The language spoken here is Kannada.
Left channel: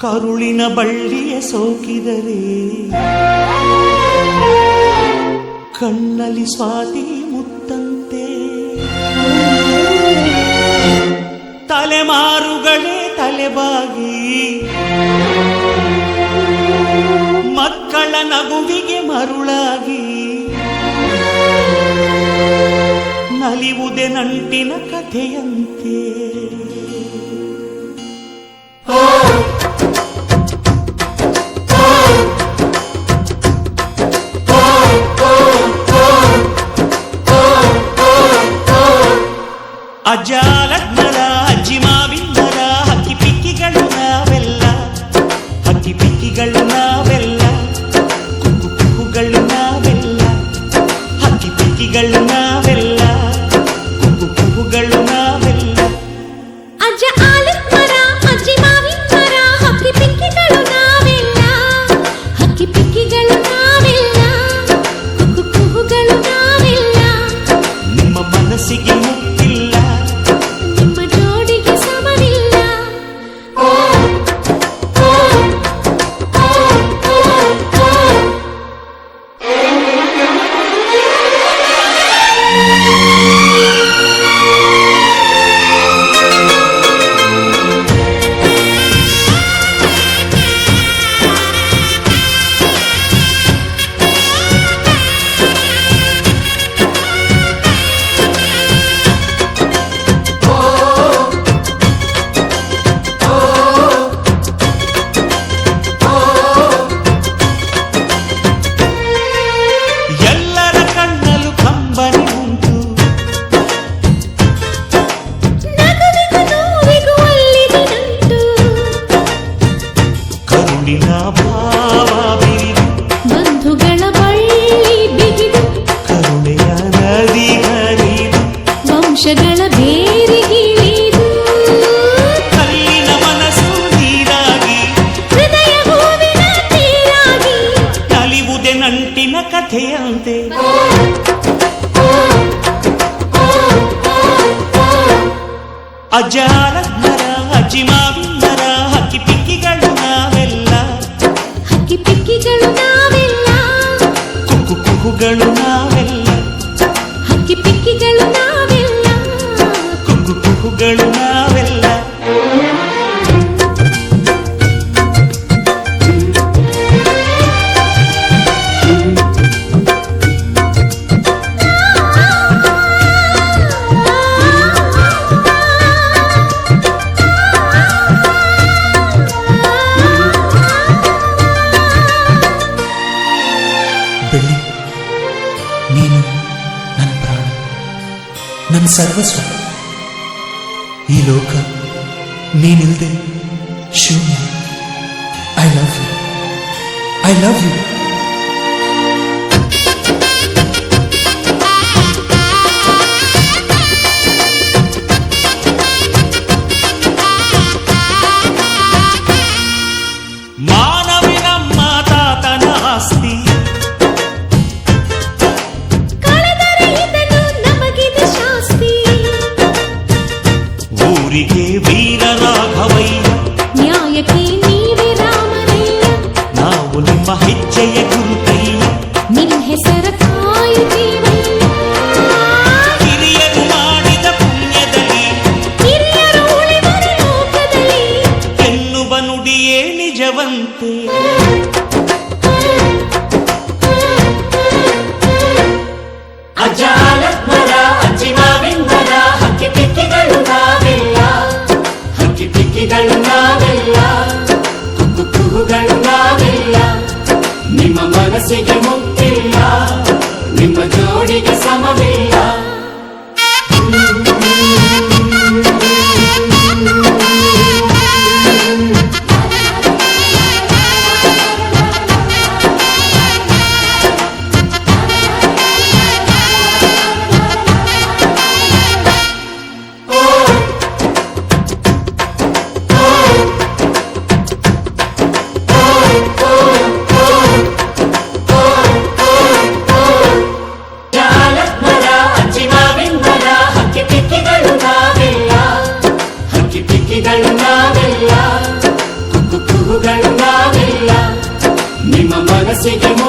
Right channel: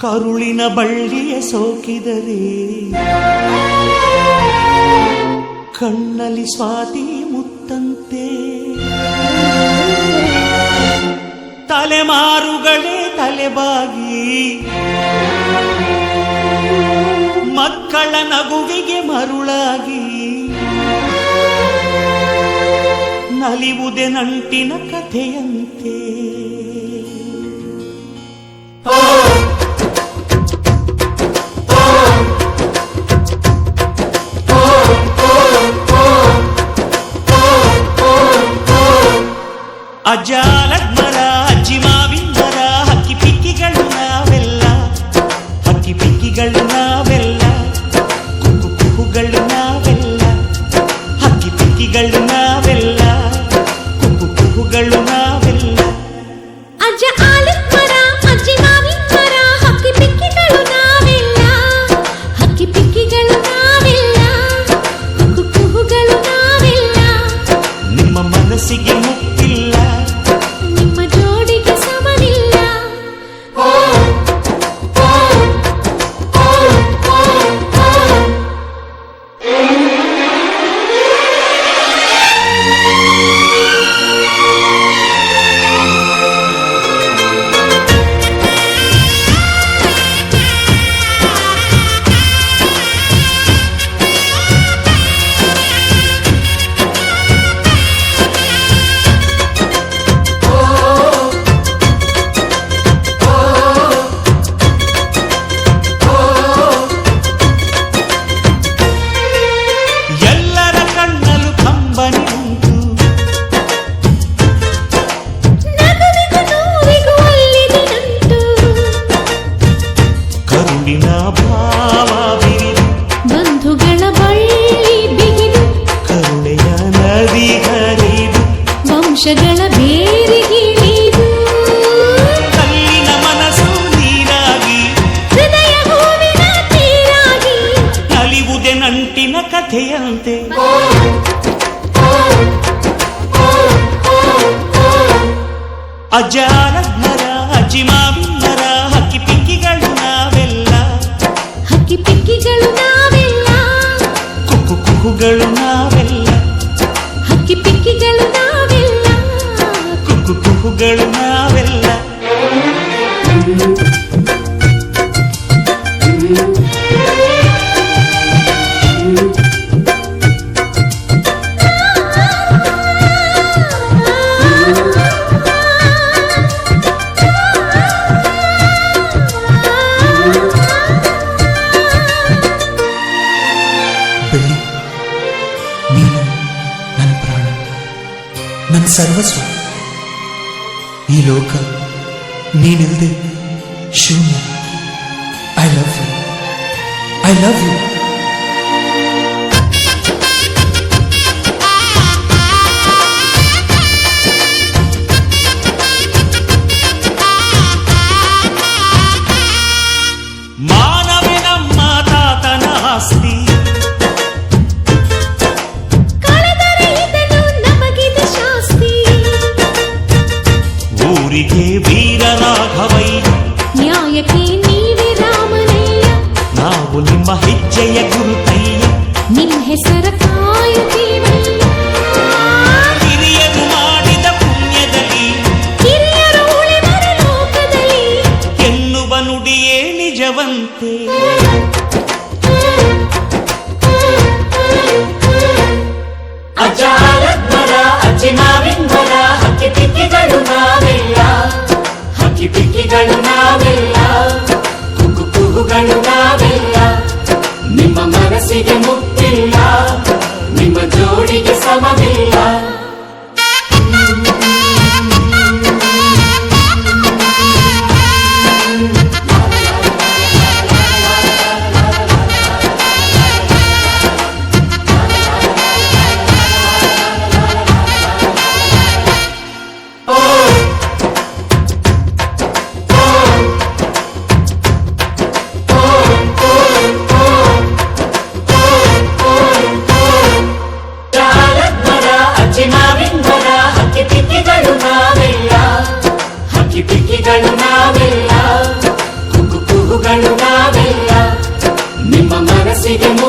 ಕರುಳಿನ ಬಳ್ಳಿಯ ಸೋಕಿದರೆ ಕಣ್ಣಲ್ಲಿ ಸ್ವಾತಿ ಮುತ್ತಂತೆ, ತಲೆಮಾರುಗಳೇ ತಲೆಬಾಗಿ ಮಕ್ಕಳ ನಗುವಿಗೆ ಮರುಳಾಗಿ ನಲಿವುದೆ ನಂಟಿನ ಕಥೆಯಂತೆ. ಅಜ್ಜ ಆಲದ ಅಜ್ಜಿ ಮಾವಿನ ಮರ, ಹಕ್ಕಿ ಪಿಕ್ಕಿಗಳು ನಾವೆಲ್ಲ, ಹಕ್ಕಿ ಪಿಕ್ಕಿಗಳು ನಾವೆಲ್ಲ, ಕುಕ್ಕು ಕುಹುಗಳು ನಾವೆಲ್ಲ, ಹಕ್ಕಿ ಪಿಕ್ಕಿಗಳು ನಾವೆಲ್ಲ, ಕುಕ್ಕು ಕುಹುಗಳು ನಾವೆಲ್ಲ. ಅಜ್ಜ ಆಲದ ಮರ, ಅಜ್ಜಿ ಮಾವಿನ ಮರ, ಹಕ್ಕಿ ಪಿಕ್ಕಿಗಳು ನಾವೆಲ್ಲ, ಹಕ್ಕಿ ಪಿಕ್ಕಿಗಳು ನಾವೆಲ್ಲ, ಕುಕ್ಕು ಕುಹುಗಳು ನಾವೆಲ್ಲ. ನಿಮ್ಮ ಮನಸ್ಸಿಗೆ ಮುಟ್ಟಿಲ್ಲ, ನಿಮ್ಮ ಜೋಡಿಗೆ ಸಮವಿಲ್ಲ. ಎಲ್ಲರ ಕಣ್ಣಲು ಕಂಬನಿ ಉಂಟು, ನಗುವಿಗೂ ನೋವಿಗೂ ಅಲ್ಲಿದಿನಂಟು, ಕರುಳಿನ ಭಾವ ಬಿರಿದು ಬಂಧುಗಳ ಬಳ್ಳಿ ಬಿಗಿದು, ಕರುಣೆಯ ನದಿ ಹರಿದು ವಂಶಗಳ ಬೇರಿಗಿಳಿದು, ಕಲ್ಲಿನ ಮನಸ್ಸು ನೀರಾಗಿ ಹೃದಯ ಹೂವಿನ ತೀರಾಗಿ ನಲಿವುದೆ ನಂಟಿನ ಕಥೆಯಂತೆ. ಅಜ್ಜ ಆಲದ ಮರ, ಅಜ್ಜಿ ಮಾವಿನ ಮರ, ಹಕ್ಕಿ ಪಿಕ್ಕಿಗಳು ನಾವೆಲ್ಲ, ಹಕ್ಕಿ ಪಿಕ್ಕಿಗಳು ನಾವೆಲ್ಲ, ಕುಕ್ಕು ಕುಹುಗಳು ನಾವೆಲ್ಲ, ಹಕ್ಕಿ ಪಿಕ್ಕಿಗಳು ನಾವೆಲ್ಲ, ಕುಕ್ಕು ಕುಹುಗಳು ನಾವೆಲ್ಲ. ಬೆಳ್ಳಿ, ನೀನು ನನ್ನ ಪ್ರಾಣ, ನನ್ನ ಸರ್ವಸ್ವ. ಈ ಲೋಕ ನೀನಿಲ್ದೆ ಶೂನ್ಯ. I love you, I love you. ಮಾನವೇ ನಮ್ಮ ತಾತನ ಆಸ್ತಿ, ಕಳೆದರೆ ಇದನ್ನು ನಮಗಿದು ಶಾಸ್ತಿ. ಊರಿಗೆ ವೀರ ರಾಘವಯ್ಯ, ನ್ಯಾಯಕ್ಕೆ ನೀವೇ ರಾಮನಯ್ಯ, ನಾವು ನಿಮ್ಮ ಹೆಜ್ಜೆಯ ಗುರುತಯ್ಯ. ನಿಮ್ ಹೆಸರ ಕಾಯುತ್ತೀವಯ್ಯ. ಹಿರಿಯರು ಮಾಡಿದ ಪುಣ್ಯದಲ್ಲಿ ಹಿರಿಯರು ಉಳಿವರು ಲೋಕದಲ್ಲಿ, ಎನ್ನುವ ನುಡಿಯೇ ನಿಜವಂತೆ. ಅಜ್ಜ ಆಲದ ಮರ, ಅಜ್ಜಿ ಮಾವಿನ ಮರ, ಹಕ್ಕಿ ಪಿಕ್ಕಿಗಳು ನಾವೆಲ್ಲ, ಹಕ್ಕಿ ಪಿಕ್ಕಿಗಳು ನಾವೆಲ್ಲ, ಕುಕ್ಕು ಕುಹುಗಳು ನಾವೆಲ್ಲ. ನಿಮ್ಮ ಮನಸ್ಸಿಗೆ ಮುಟ್ಟಿಲ್ಲ, ನಿಮ್ಮ ಜೋಡಿಗೆ ಸಮವಿಲ್ಲ. ಭೂಮಿಗೆ